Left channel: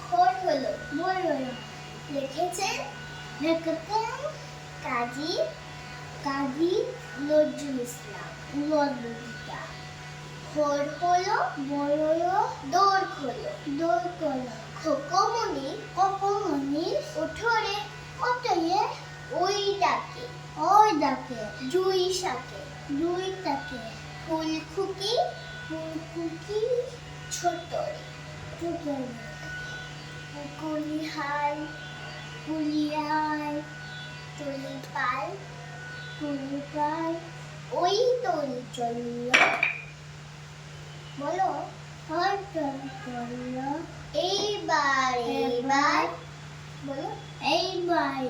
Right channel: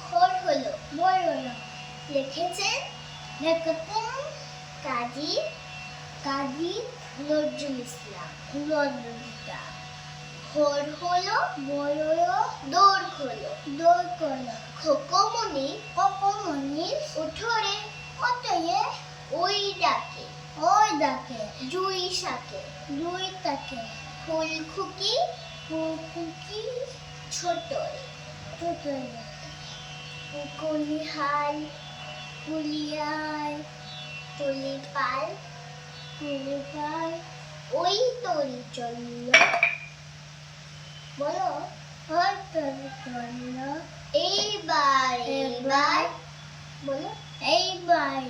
ভোর হলো লিখেছেন কাজী নজরুল ইসলাম। ভোর হলো দৌড় খোলো খোকমণি উঠোরে ওই ডাকে জুই শাকে ফুল খুকি ছোটরে কুলিহাল তুলিপাল ওই তরি চলল বলো এইবার বলো এইবার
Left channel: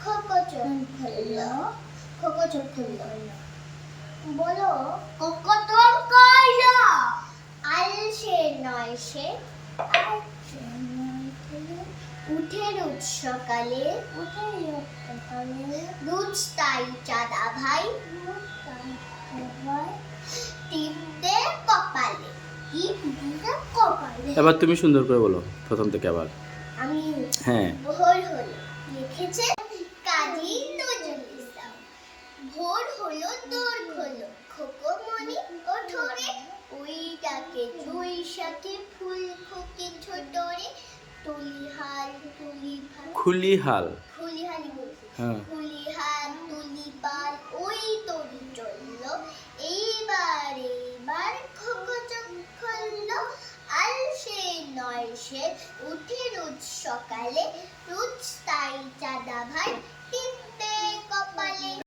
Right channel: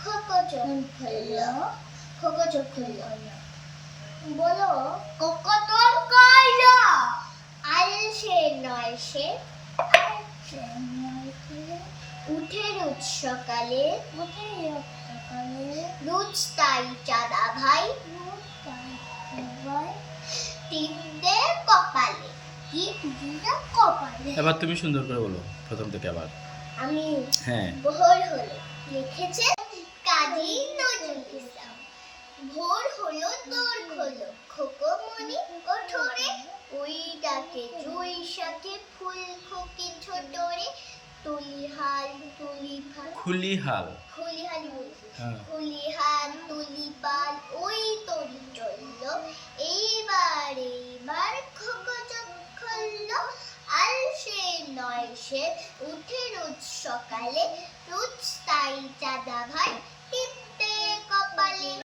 খোকো চোখ খুলল বলো কতন কইলো আলসে নয় সে উঠে রোজ সকালে রোজ তাই চাঁদা ভাই টিপ দে কপালে এবার তুমি সুন্দর করে বলো প্রথম থেকে আবার। আমি হ্যাঁ। ভোর হলো লিখেছে কাজী নজরুল ইসলাম। ভোর হলো দৌড় খোলো খোকমণি ওঠোরে ওই ডাকে জুই শাকে ফুল খুকি ছোটরে তুলিহাল খুলিহাল হ্যাঁ। খুলিহাল তুলিপাল ওই তরি চলল এইবার খোকো চোখ খুলল আলসে নয় সে উঠে রোজ সকালে রোজ তাই চাঁদা ভাই